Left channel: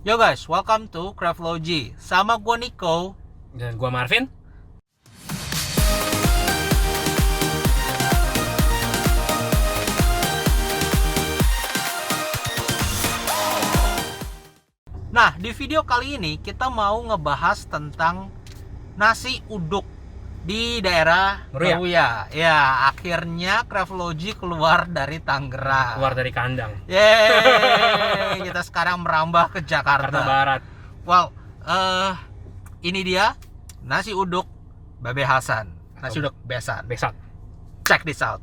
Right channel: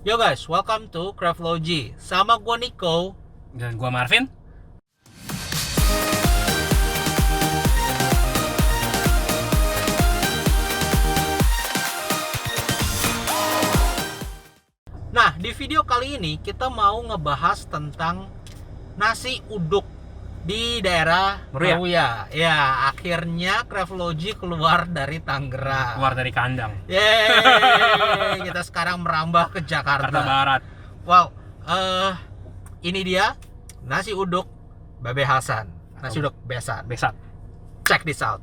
Yo guys, welcome to Craftology. Sama gua Nico. Dan gua Marvin. Nah, di video kali ini kita mau ngebahas tentang nasi uduk di daerah Meruya. Ya, akhirnya Craftology keluar dari Tangerang. Keluar dari kandang. Yeay, kita sekarang merambah ke Jakarta Barat. Wow, ini dia nasi uduk Babe Hasan. Nasi uduk besan. Besat. Check this out.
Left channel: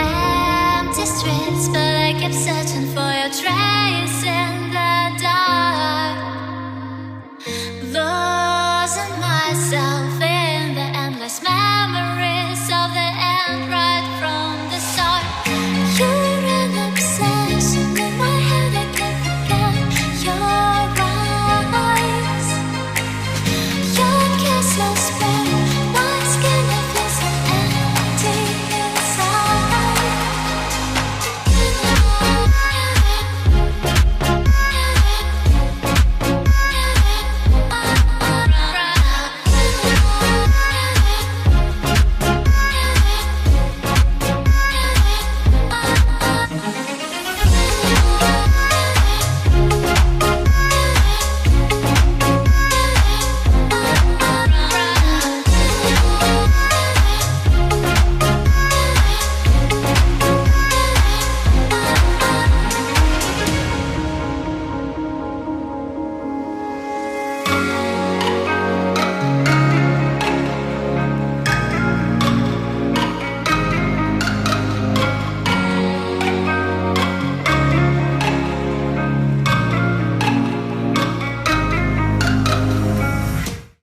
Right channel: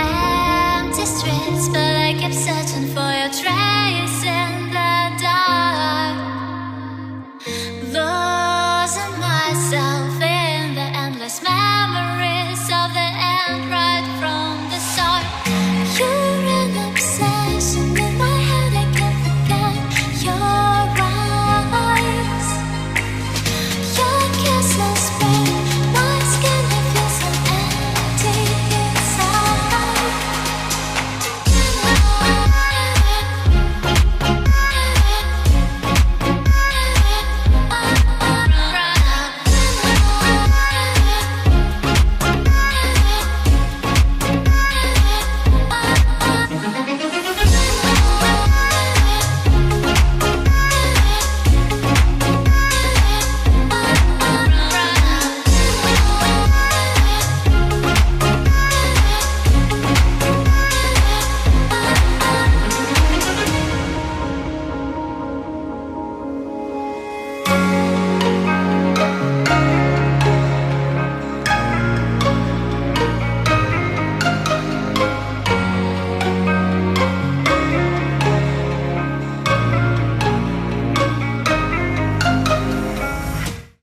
Empty streets, but I kept searching for your trace in the dark. Losing myself in the endless memories of the end right from the start. You're an obsession in my head, I can't forget your eyes. Your kisses burn my skin, I feel so empty inside.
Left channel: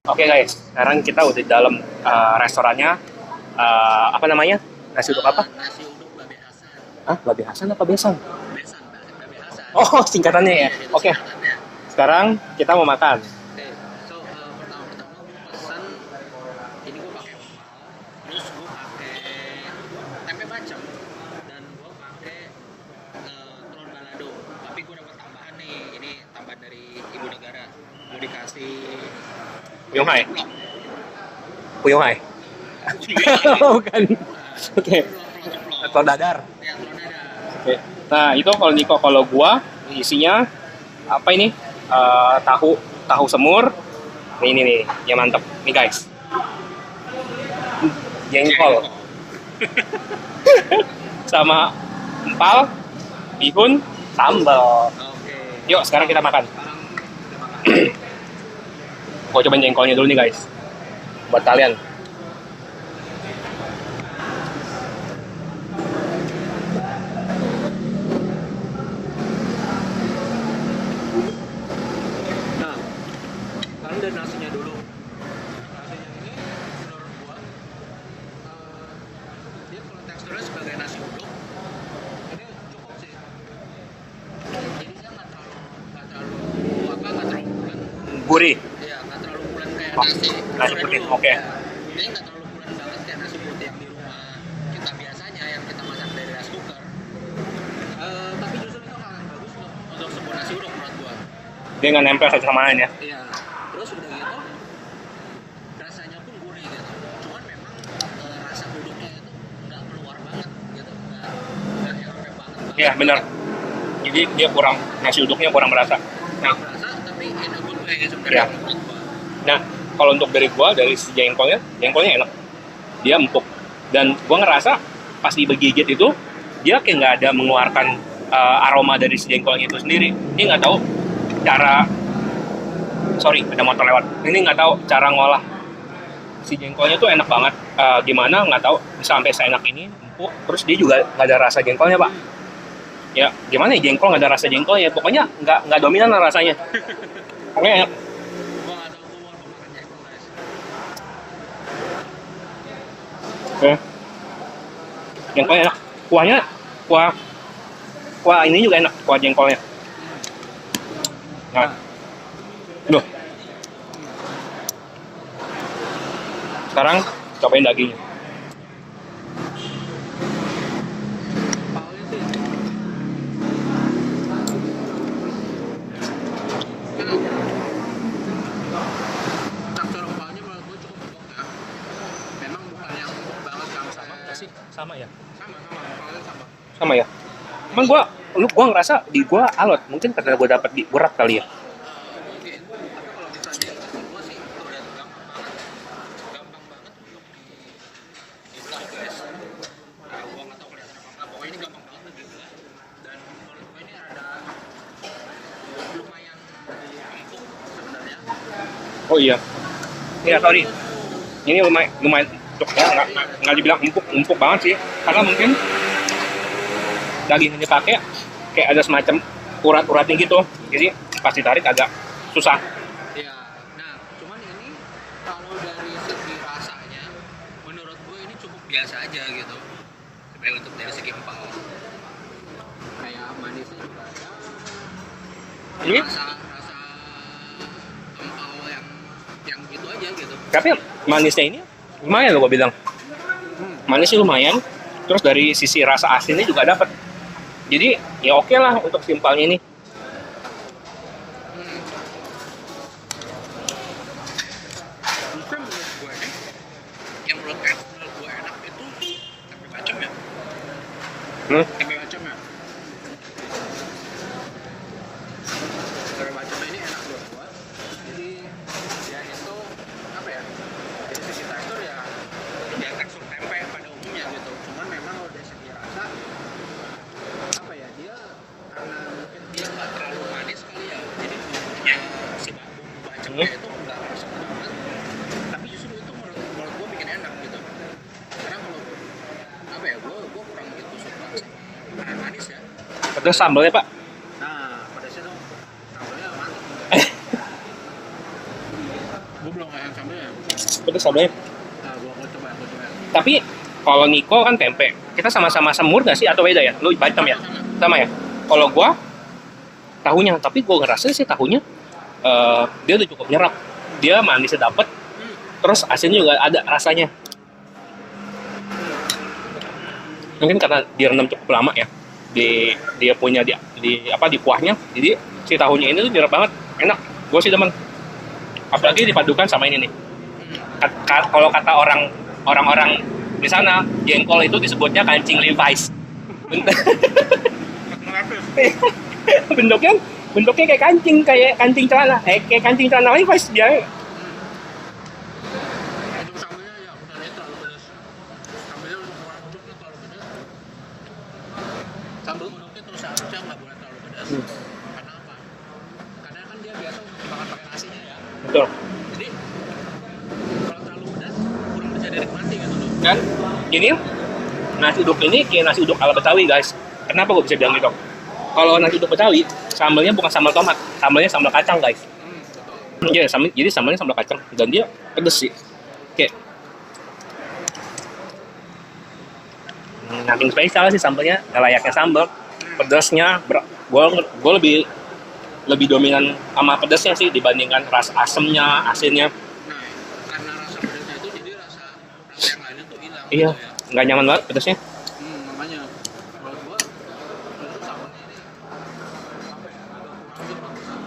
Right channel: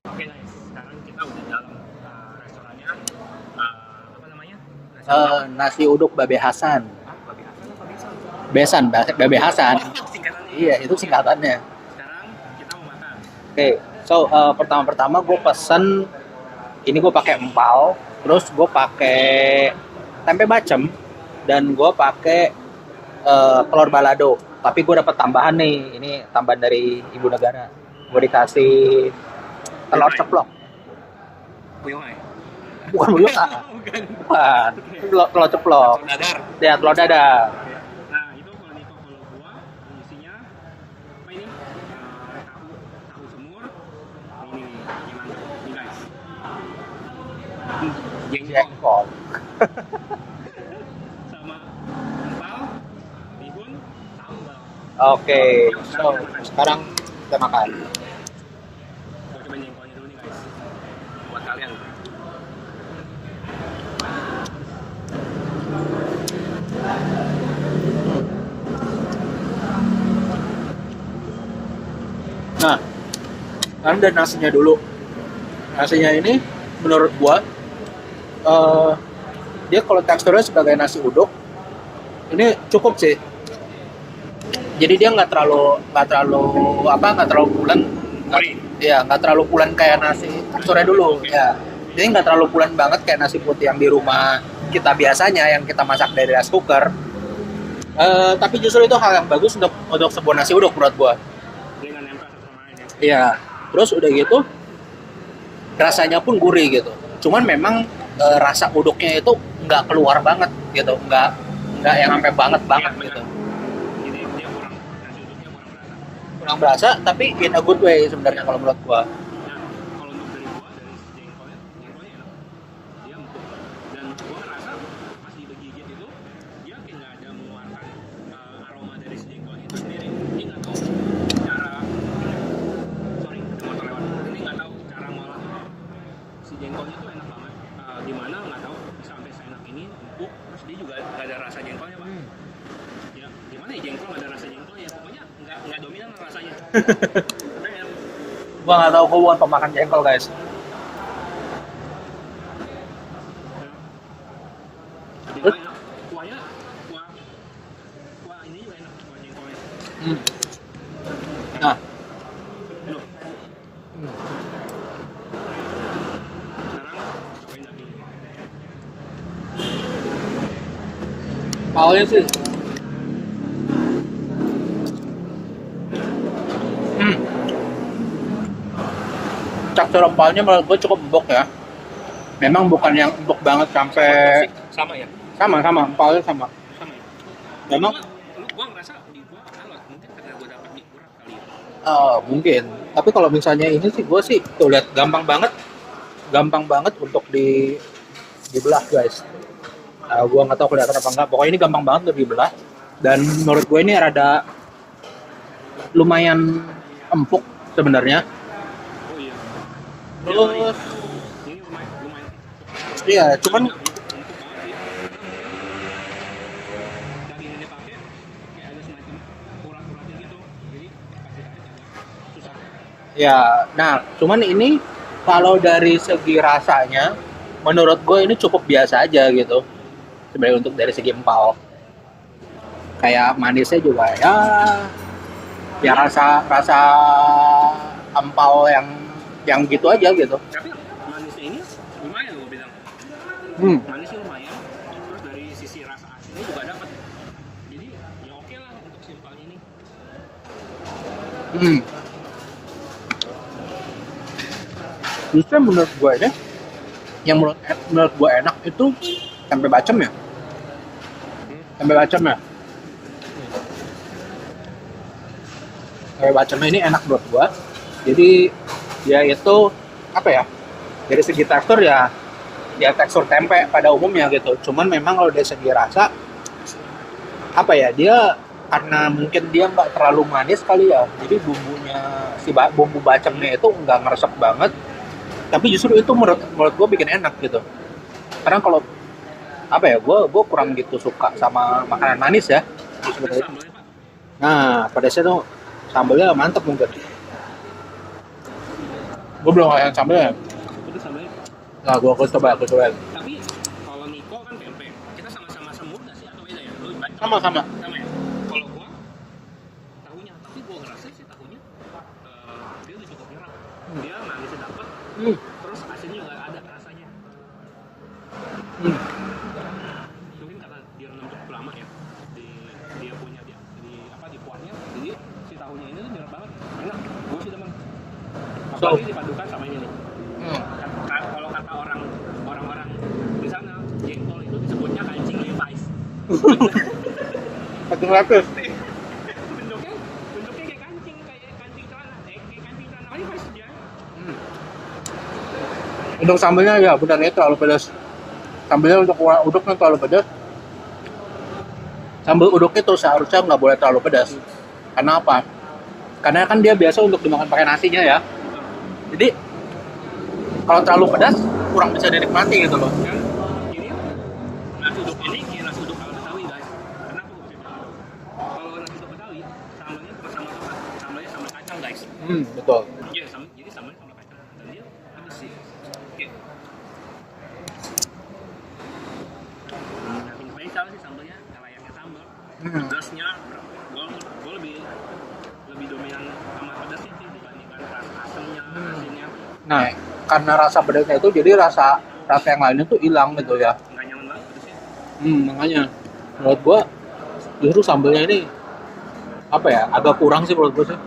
Oke guys, sekarang kita udah di dalam restorannya. Apa namanya? Nasi uduk apa? Nasi uduk Babe Hasan. Hah? Babe Hasan apa Besan? Besan, Babe Hasan. Oh, singkatannya ya? Iya, itu Oke. singkatannya. Sekarang kita mau makan. Oke, so pertama gue pesen ini gue pakai empal, terus gue pakai tempe bacem dan gue pakai telur balado. Tapi gue dapat tambahan nih, ini tambahan dari ibu negara. Gue dikasih telur Yunai. ceplok. Puyuhai. Bukan buyuhan. Bukan. Oke, telur ceplok. Atau dadar. Ya, telur dadar. Oke. Nah, itu kalau Niko, kalau gua isinya apa ini? Tahu semur. Ini nih, yang mantep. Nih guys. Jengkol. Sama empal, bihun, sambal. Oke. Yuk, sekarang kita makan. Sekarang kita makan. Gua cobain jengkolnya dulu nih guys. Buat kalian. Nah, sekarang dari nasinya dulu. Nasinya ini menurut gua dia kalau teksturnya sebagai nasi uduk ini cukup sih. Jadi dia nggak terlalu bulan, Gurih. ya nggak terlalu bulan kayak nasi teksturnya putih, dulu. oke. Ya, jadi nggak terlalu bulan banget kayak nasi putih yang di rumah kita biasanya yang kita masak dari rice cooker. Tapi justru itu hal yang bagus untuk sebuah nasi uduk menurut gua. Dia nggak nempel satu sama lain ya. Iya, terus udah gitu rasanya pun gurih gitu. Cuman memang rasa uduknya itu nggak keluar banget gitu, nggak yang sampai banget. Iya benar. Jadi dia kurang, nasi uduknya kurang berasa. Nggak berasa, tapi in a good way sebenarnya Iya. kalau menurut gua. Nah, kalau untuk dari gua, dari si jengkolnya enak. Dia empuk. Dan gua ngerasa pas digigit itu, dia kayak nggak ada mengeluarkan aroma dari si jengkolnya itu sendiri. Ini nggak tahu cara, sorry ada motor lewat. Ini nggak tahu cara ngolah si jengkolnya tuh enak banget. Gimana nggak tahu sampai seenak ini empuk. Terus dia juga nggak ada rasa jengkolnya pak. Ya gimana ya, jengkol nggak ada rasa jengkolnya. Pokoknya nggak dominan lah rasanya. Pokoknya enak. Gua nggak tahu, gua bukan pemakan jengkol guys. Oke. Jengkolnya enak. Kuahnya, kuah ini juga enak, kuah jengkolnya. Nah, loh. Sekarang cobain dagingnya. Awalnya sih tekstur empalnya menurut gue cukup empuk ya. Memang bukan yang empuk banget sampai Sama ya? sama empalnya sama. Sama ya? Cuman Memang gua ngerasa di gua alot. Mungkin karena gua dapet di berat kali ya. mungkin. Tapi kalau misalnya ini sih gue sih tuh lihat gampang banget untuk dibelah guys. Gue nggak tahu kelihatan apa enggak. Pokoknya ini gampang banget untuk dibelah. Dan menurut gue ini rada lumayan empuk sebenarnya. Oh iya. Iya, sorry. Ini lumayan untuk Iya, nggak cuman- dibilang empuk banget sih. Karena mungkin daging ini pakai kayak ada semacam urat-uratnya gitu. Jadi pas ditarik agak susah. Ya, nah cuman ini kalau dari segi rasanya, menurut gue ini cukup biasa aja gitu. Sebenarnya untuk dari segi empal, kayak manisnya juga ya Iya. rasa empal yang gitu aja gitu. Tapi manisnya ini lumayan loh gua bilang. Manisnya lumayan. Terus dari sisi rasa asinnya juga dapat. Jadi ya oke lah untuk simpelnya ini. Justru menurut gue ya, yang menurut gue enak itu tempe bacem ya. Tempe bacem ya. Tempe bacem ini enak menurut gue. Jadi dia itu apa ya? Dari segi tekstur ya tekstur tempe pada umumnya gitu. Cuman memang kalau dari segi rasa apa ya, dia karena mungkin dia nggak terlalu manis kali ya, jadi bumbunya bumbu bacemnya itu nggak meresap banget, tapi justru itu menurut gue bikin enak gitu. Karena kalau apa ya, gue kurang gitu suka sama makanan manis ya. Terus sambalnya Pak. Nah pedasnya tuh sambalnya mantep mungkin. Gue belum yang sambalnya. Pedas sambalnya. Nah gue coba. Tapi kalau Niko kan tempe. Kita sama-sama semur nggak sih atau beda ya? Lu bacem ya? Sama ya? Kalau gua tahunya, tapi gua ngerasa sih tahunya dia udah cukup nyerap. Dia manisnya dapet, terus asinnya juga ada rasanya. Mungkin karena direndam cukup lama ya. Dia punya di kuahnya. Jadi si tahunya ini tuh nyerap banget, enak. Gua sih demen. Apalagi dipadukan sama ini nih. Kalau kata orang-orang di sana, jengkol itu disebutnya kancing Levi's. bentuknya kayak kancing celana, kayak kancing celana Levi's dia. Untuk sambalnya ya benar itu terlalu pedas. Sambalnya untuk uduknya terlalu pedas. Sambal uduk itu seharusnya nggak boleh terlalu pedas. Karena apa? Karena kan dia biasa untuk dimakan pakai nasinya ya. Betul. Jadi kalau terlalu pedas kurang bisa dinikmati gitu loh. Dan ini nasi uduk ini kayak nasi uduk ala Betawi guys. Kenapa gue bisa bilang gitu? Kalau nasi uduk Betawi, sambalnya bukan sambal tomat, sambalnya sambal kacang guys. Betul. Iya, jadi sambalnya sambal kacang dan dia pedes sih. Kayak nothing spesial sih sambalnya, layaknya sambal. Pedasnya, gue lebih dominan sama pedasnya sih dibandingkan rasa asemnya, asinnya. Nah, karena rasa pedasnya itu jadi rasa yang lainnya tuh hilang gitu ya. Nggak nyaman banget pedasnya. Makanya menurut gua justru sambalnya ini apa ya, agak kurang sih menurut gua sih.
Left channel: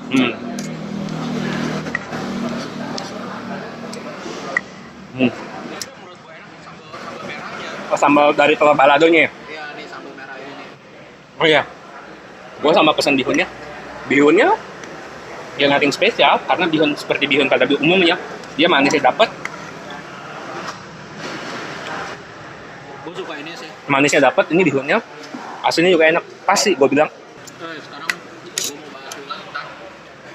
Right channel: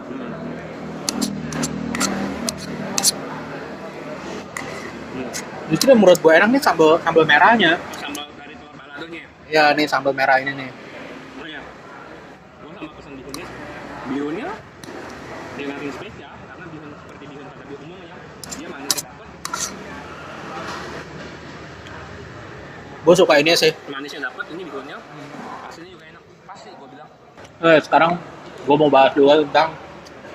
Justru menurut gua enak nih sambal merahnya. Oh, sambal dari telur baladonya ya? Ya nih sambal merah ini nih. Oh iya. Gua sama pesan bihunnya. Bihunnya ya nothing spesial karena bihun seperti bihun pada umumnya. Dia manisnya dapat. Gue suka ini sih. Manisnya dapat, ini bihunnya. Asinnya juga enak. Pasti gue bilang. Sekarang gue mau bahas juga tentang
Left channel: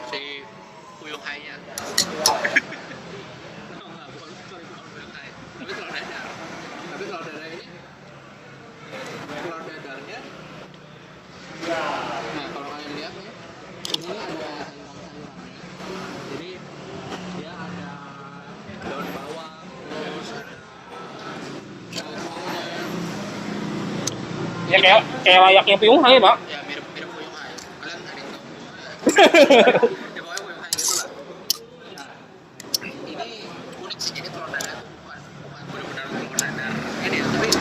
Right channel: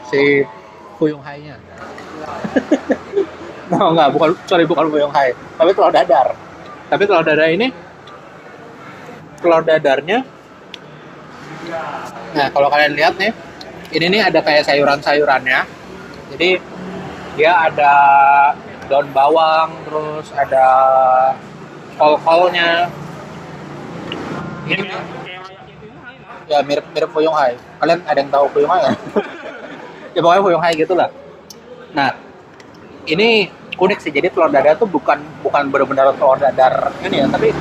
si Fuyung Hai-nya. bukan Fuyung Hai, tapi telur dadar. Tapi telur dadar ini, telur dadarnya. Nah, kalau kalian lihat nih, ini nih ada kayak sayuran-sayurannya. Jadi dia ada daun bawang, terus ada kol-kolnya. Ya kayak layaknya Puyung Hai, Pak. Ya mirip Fuyung Hai. Kalian ada yang tahu Fuyung Hai ya? Ya pokoknya Fuyung Hai gitulah. Nah, ini unik sih. Jadi telur dadar tuh bukan benar-benar telur dadar ini ya, tapi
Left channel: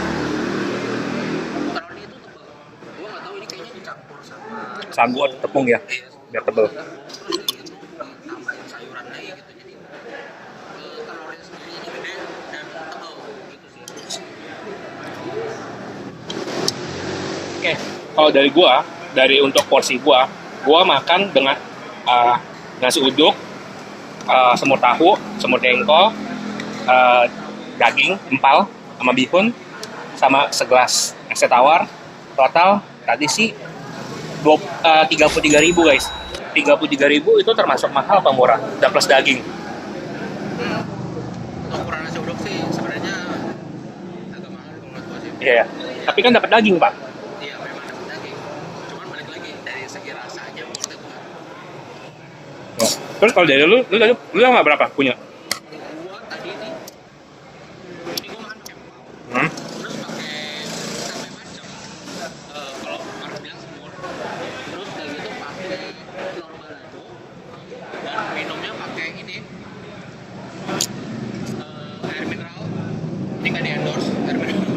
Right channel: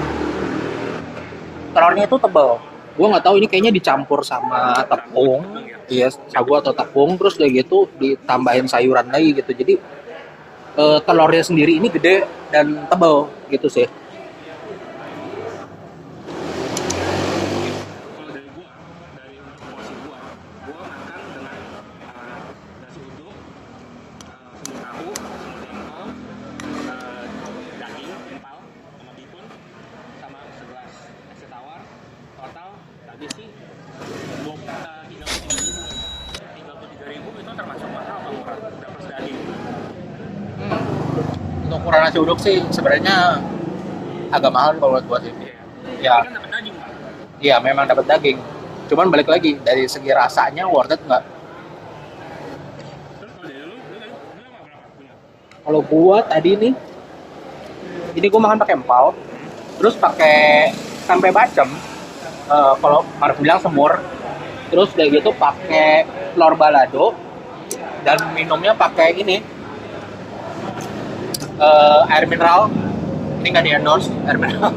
telurnya itu tebal. Gua nggak tahu ini kayaknya dicampur sama tepung. Tepung ya. Iya, sagu atau tepung, terus kayak gitu ditambahin sayuran lagi gitu. Jadi telurnya sendiri ini gede dan tebal gitu sih. Oke. Kalau dari untuk porsi gua makan dengan nasi uduk, semur tahu, semur jengkol, daging, empal, sama bihun, sama segelas es teh tawar. Total tadi sih 33.000 guys. 33.000 itu termasuk mahal apa murah? Udah plus daging. Untuk ukuran nasi uduk sih sebenarnya agak mahal kalau buat gua sih. Iya. Ya. Tapi kan dapat daging, Pak. Iya, memang dapat daging. Cuman balik lagi dari segi rasanya worth it nggak? Terus kalau dari lu nggak berapa punya? Kalau gua tadi nih, ini gua makan pakai empal, terus pakai tempe bacem. Kalau Marv bilang semur, terus kayak gitu pakai telur balado dan minumnya pakai ini air mineral. Ini nggak di endorse air mineral.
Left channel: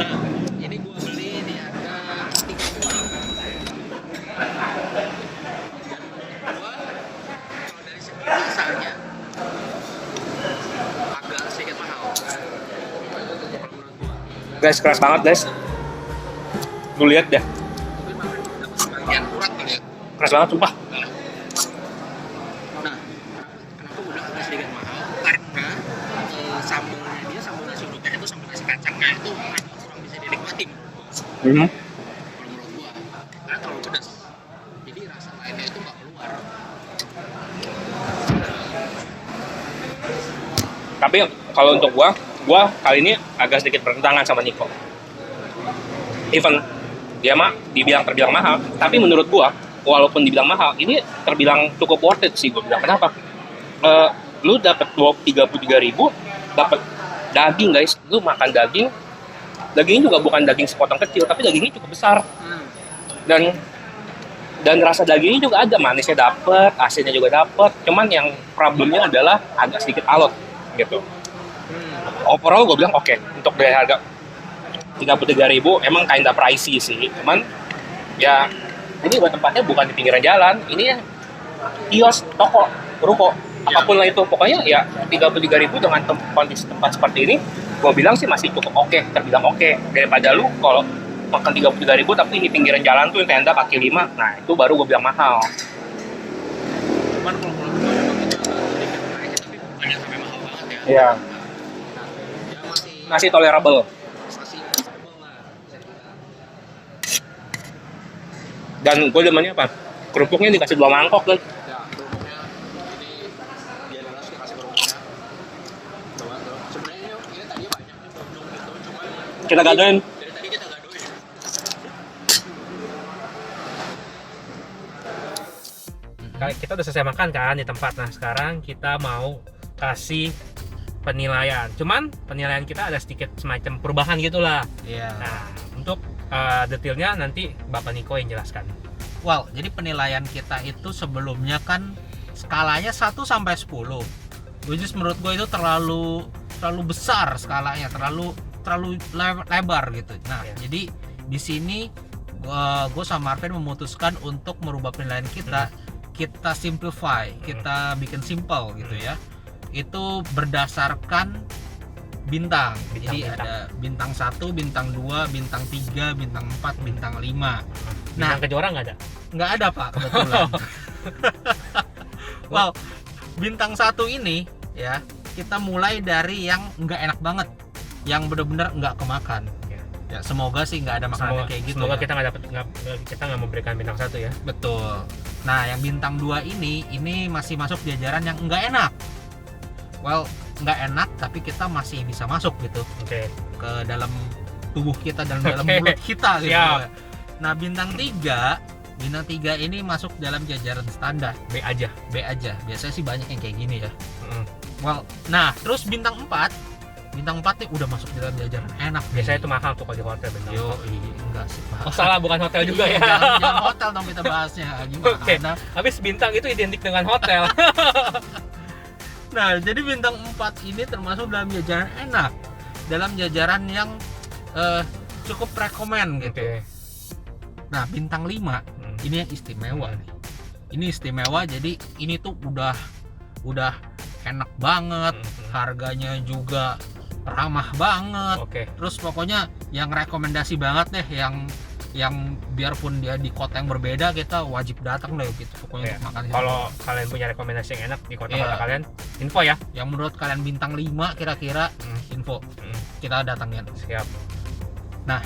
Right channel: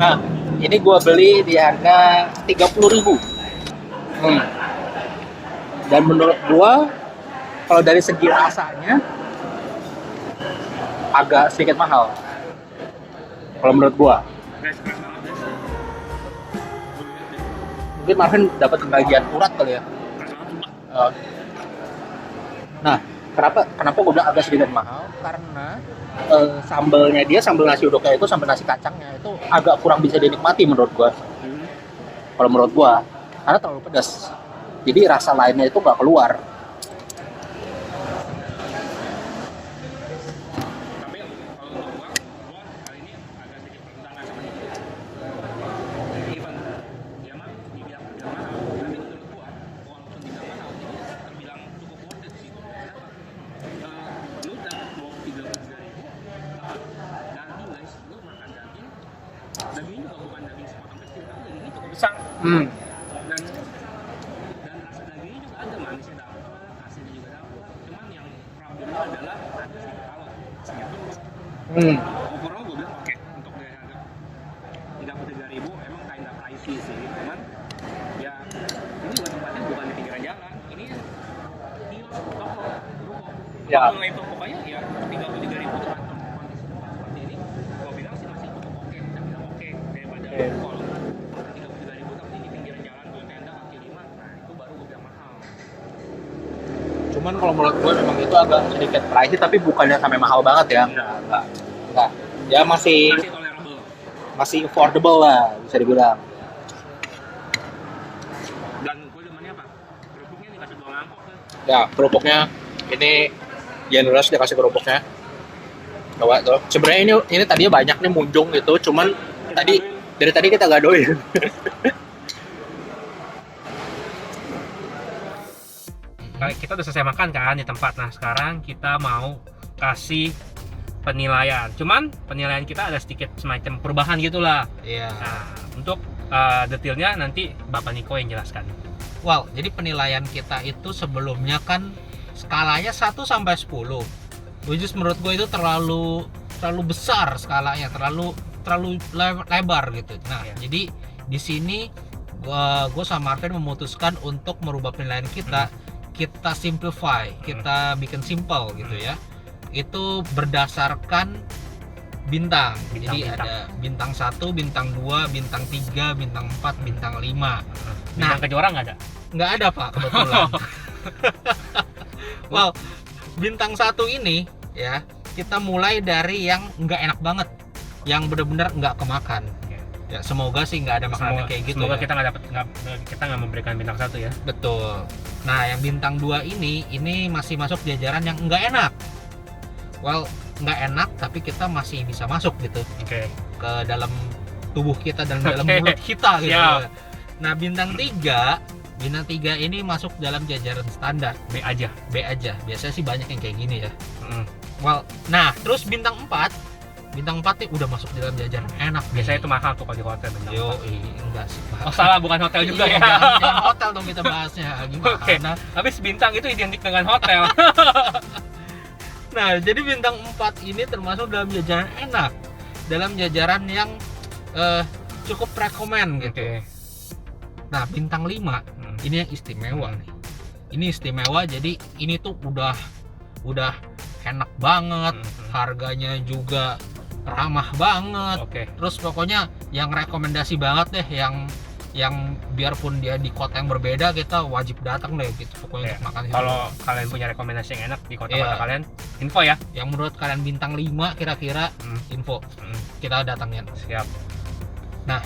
Nah, ini gua beli di harga 30.000. Dan menurut gua kalau dari segi rasanya agak sedikit mahal. Kalau menurut gua. Guys, keras banget guys. Lu lihat deh. Mungkin Marvin dapat sebagian urat kali ya. Keras banget sumpah. Nah, kenapa gue bilang agak sedikit mahal? Karena sambelnya dia, sambal nasi uduknya itu, sambal nasi kacangnya itu agak kurang bisa dinikmati menurut gue. Kalau menurut gue, karena terlalu pedas. Jadi rasa lainnya itu nggak keluar. Tapi kalau untuk gua kali ini agak sedikit bertentangan sama Niko. Even dia terbilang mahal, tapi menurut gua walaupun dibilang mahal, ini terbilang cukup worth it sih gua bilang. Kenapa? Lu dapat 33.000, dapat daging guys. Lu makan dagingnya juga bukan daging sepotong kecil, tapi dagingnya cukup besar. Dan rasa dagingnya juga ada, manisnya dapet, asinnya juga dapet. Cuman yang problemnya adalah agak sedikit alot gitu. Overall gue bilang oke. Untuk dari harga 33.000 emang kinda pricey sih. Cuman ya ini buat tempatnya bukan di pinggiran jalan, ini kios, toko, ruko, apapun lah itu. Pokoknya ya 33.000 dengan kondisi tempat seperti ini, gue bilang sih masih cukup oke, terbilang oke. Daripada lu kalau makan 33.000 tapi di pinggiran jalan tuh tenda kaki 5, nah itu baru gue bilang mahal. Cuman kalau menurut gue memang itu agak sedikit pricey, tapi bukannya sampai mahal banget ya. Iya. Enggak. Ya masih Tolerable. Masih affordable lah bisa dibilang. Dan gue demennya apa? Kerupuknya dikasih 2 mangkok kan. Ya, kerupuknya ini generous dikasih kerupuknya. Coba tuh. Sebenarnya ini tadinya banyak nih munjung gitu, cuman dari tadi kita gadoin. Kita udah selesai makan kan di tempat. Nah sekarang kita mau kasih penilaian. Cuman penilaian kita ada sedikit semacam perubahan gitulah. Iya. Nah untuk detailnya nanti Bapak Niko yang jelaskan. Wow, jadi penilaian kita itu sebelumnya kan skalanya 1 sampai 10. Which is menurut gue itu terlalu besar skalanya, terlalu lebar gitu. Nah, jadi di sini gue sama Marvin memutuskan untuk merubah penilaian kita. Kita simplify, kita bikin simple gitu ya. Itu berdasarkan bintang. Jadi ada bintang 1, bintang 2, bintang 3, bintang 4, bintang 5. Nah, Kejora nggak ada? Nggak ada Pak, kebetulan. Wow, bintang 1 ini ya, kita mulai dari yang nggak enak banget, yang benar-benar nggak kemakan. Ya, semoga sih nggak ada makanan kayak gitu. Semoga ya. kita nggak memberikan bintang 1 ya. Betul. Nah, yang bintang 2 ini masih masuk jajaran yang nggak enak. Well, nggak enak tapi kita masih bisa masuk gitu. Ke dalam tubuh kita dan dalam mulut kita gitu. Siap. Nah, bintang 3 ini masuk dalam jajaran standar. B aja. Biasanya sih banyak yang kayak gini ya. Well, nah terus bintang 4 bintang 4 nih udah masuk di dalam jajaran enak. Biasanya itu mahal tuh kalau di hotel bintang Yo, 4. enggak sih. Oh salah, bukan hotel juga ya. Jangan hotel dong kita bahasnya. Gimana? Oke. Habis bintang itu identik dengan hotel. Nah, jadi bintang 4 ini termasuk dalam jajaran enak. Dalam jajaran yang cukup rekomen gitu. Oke. Nah, bintang 5 ini yang istimewa nih. Ini istimewa, jadi ini tuh udah enak banget, harganya juga ramah banget. Oke. Terus pokoknya yang rekomendasi banget deh, yang biarpun dia di kota yang berbeda kita wajib datang deh gitu pokoknya untuk makan. Kalau kalian punya rekomendasi yang enak di kota-kota Iya. kalian, info ya. Yang menurut kalian bintang 5 kira-kira info. Kita datangin. Siap. Nah,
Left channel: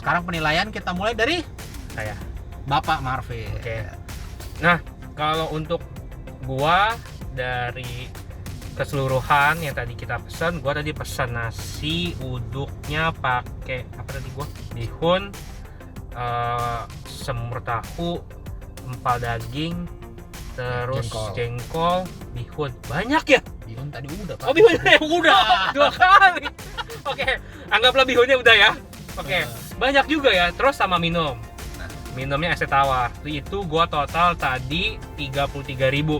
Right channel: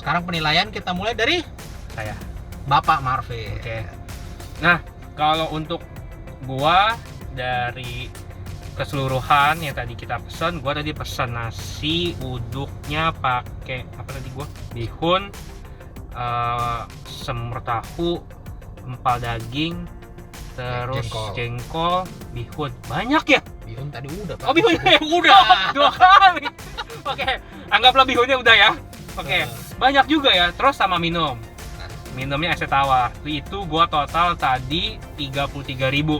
sekarang penilaian kita mulai dari Saya. Bapak Marvin. Oke. Nah, kalau untuk gua dari keseluruhan yang tadi kita pesan, gua tadi pesan nasi uduknya pakai apa tadi gua? Bihun, semur tahu, empal daging, terus jengkol, bihun. Banyak ya? Bihun tadi udah, Pak. Oh, bihunnya udah 2 kali. Oke, anggaplah bihunnya udah ya. Oke, banyak juga ya. Terus sama minum. Minumnya es teh tawar. Itu gua total tadi 33.000.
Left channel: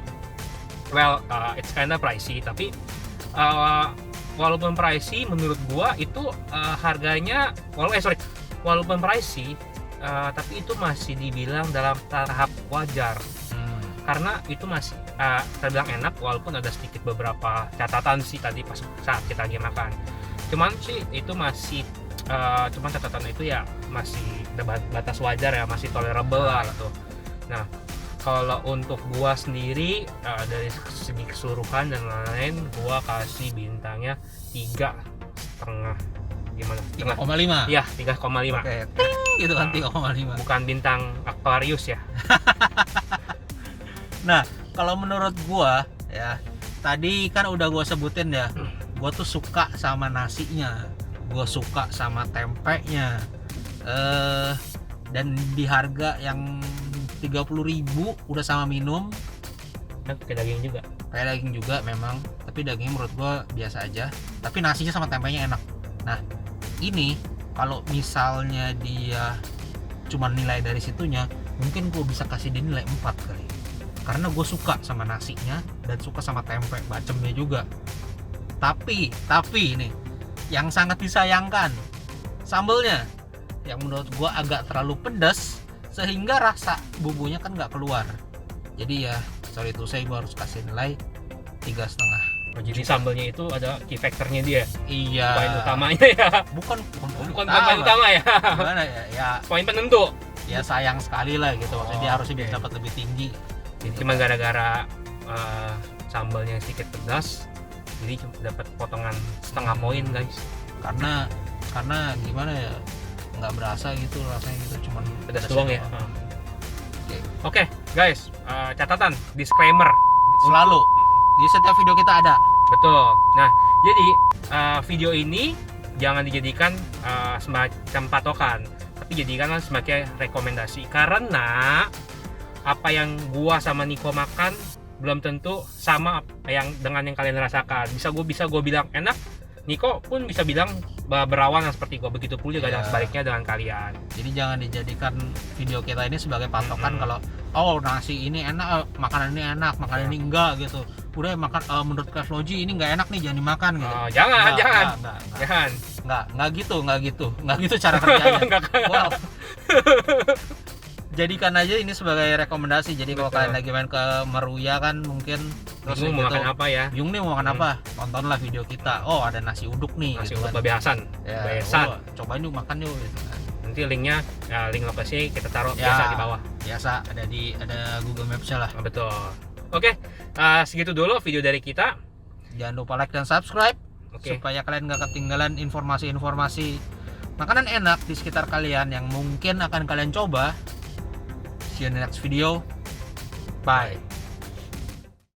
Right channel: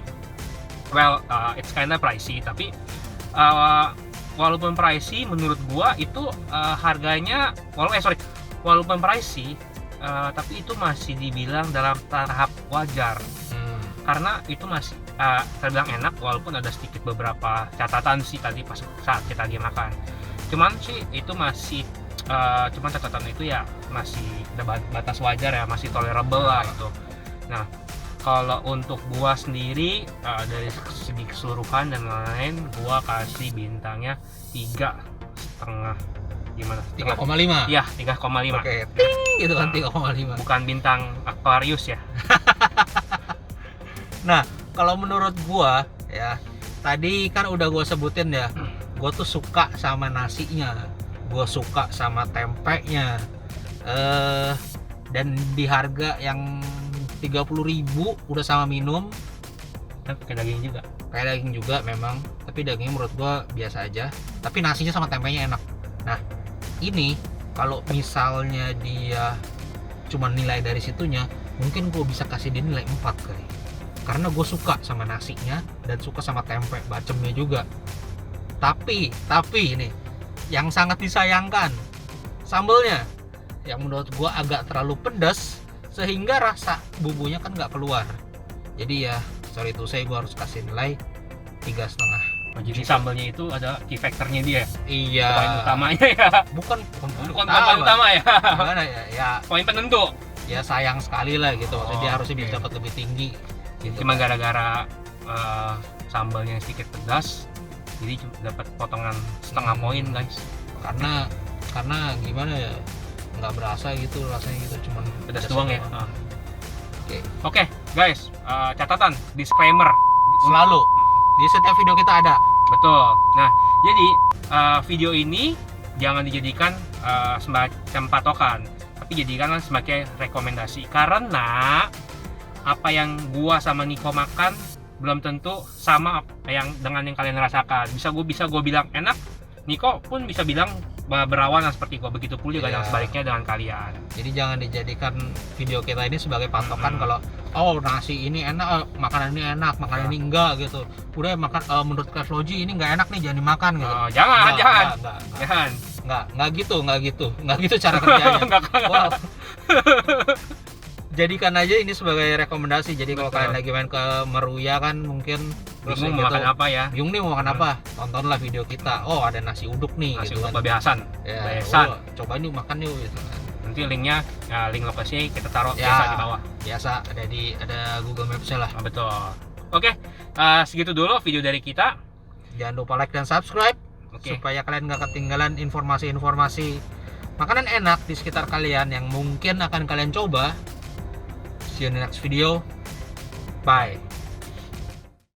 Well, it's kinda pricey, tapi walaupun pricey menurut gua itu harganya walaupun pricey, tapi itu masih dibilang dalam tahap wajar. Karena itu masih terbilang enak walaupun ada sedikit beberapa catatan sih tadi pas saat kita lagi makan. Cuman sih itu masih cuman catatan itu ya masih batas wajar ya, masih tolerable lah itu. Nah, kalau untuk gua sendiri dari segi keseluruhan dan lain-lain, gua kasih bintangnya 3,5. Gimana? 3,5. Iya, 3,5. Oke, ting gitu kan 3,5. Bukan bintang Aquarius ya. Nah, kalau menurut gua ya, tadi kan udah gua sebutin ya, gua tuh suka sama nasinya, gua suka sama tempenya, dan di harga yang 30.000 udah sama minum. Pakai daging juga. Kayak daging juga memang, tapi dagingnya menurut gua biasa aja, tapi nasinya sama tempenya enak. Nah, ini kalau misalnya dia cuma nilai dari situnya, mungkin gua bisa kasih dia nilai 4 kali. Karena gue suka sama nasinya dan suka sama tempe bacemnya juga. Tapi ini yang sangat disayangkan, sambelnya yang menurut gue agak terlalu pedas sehingga rasa bumbunya kan nggak keluar. Jadi ya sorry itu saya gue harus kasih nilai 3,5. Oh, jadi sambelnya itu ada key factornya dia. Iya. Poin utamanya ya. Bukan poin utama ya. Gimana ya? Ya poin penentu. Ya sayang sekali lah gitu. Jadi dia harusnya oke. bisa dapat lebih tinggi. Gitu. Cuma gara-gara sambalnya sedikit pedas, jadi dapat potongan setengah poin guys. Karena gimana ya, nggak berasa gitu rasanya gitu, cuman Pedas doang ya. Oke. Oke guys, catatan disclaimer Selalu di setiap video kita ada. betul. Nah jadi video ini jangan dijadikan semacam patokan, tapi jadikanlah sebagai rekomendasi karena apa yang gua sama Niko makan belum tentu sama yang dengan yang kalian rasakan. Bisa gua bilang enak, Niko pun bisa bilang berlawanan seperti gua, begitu pula dengan sebaliknya dengan kalian. Jadi jangan dijadikan video kita ini sebagai patokan kalau nasi ini enak, makanan ini enak, makanan ini enggak gitu. Udah makan menurut Chef Logi ini enggak enak nih, jangan dimakan gitu. Jangan. Enggak gitu cara kerjanya. Wow. Jadikan aja ini sebagai rekomendasi. Jadi kalau kalian lagi main ke Meruya kan mungkin terus mau makan apa ya? Bingung nih mau makan apa? Tontonlah video kita. Oh, ada nasi uduk nih. Nasi gitu uduk kan. Babe Hasan. Ya, cobain yuk makan yuk gitu. Nanti linknya, link lokasi kita taruh Ya, biasa di bawah. Biasa ada Google Maps-nya lah. Betul. Oke, segitu dulu video dari kita. Jangan lupa like dan subscribe Supaya kalian nggak ketinggalan informasi-informasi makanan enak di sekitar kalian yang mungkin akan kalian coba. See you in the next video. Bye.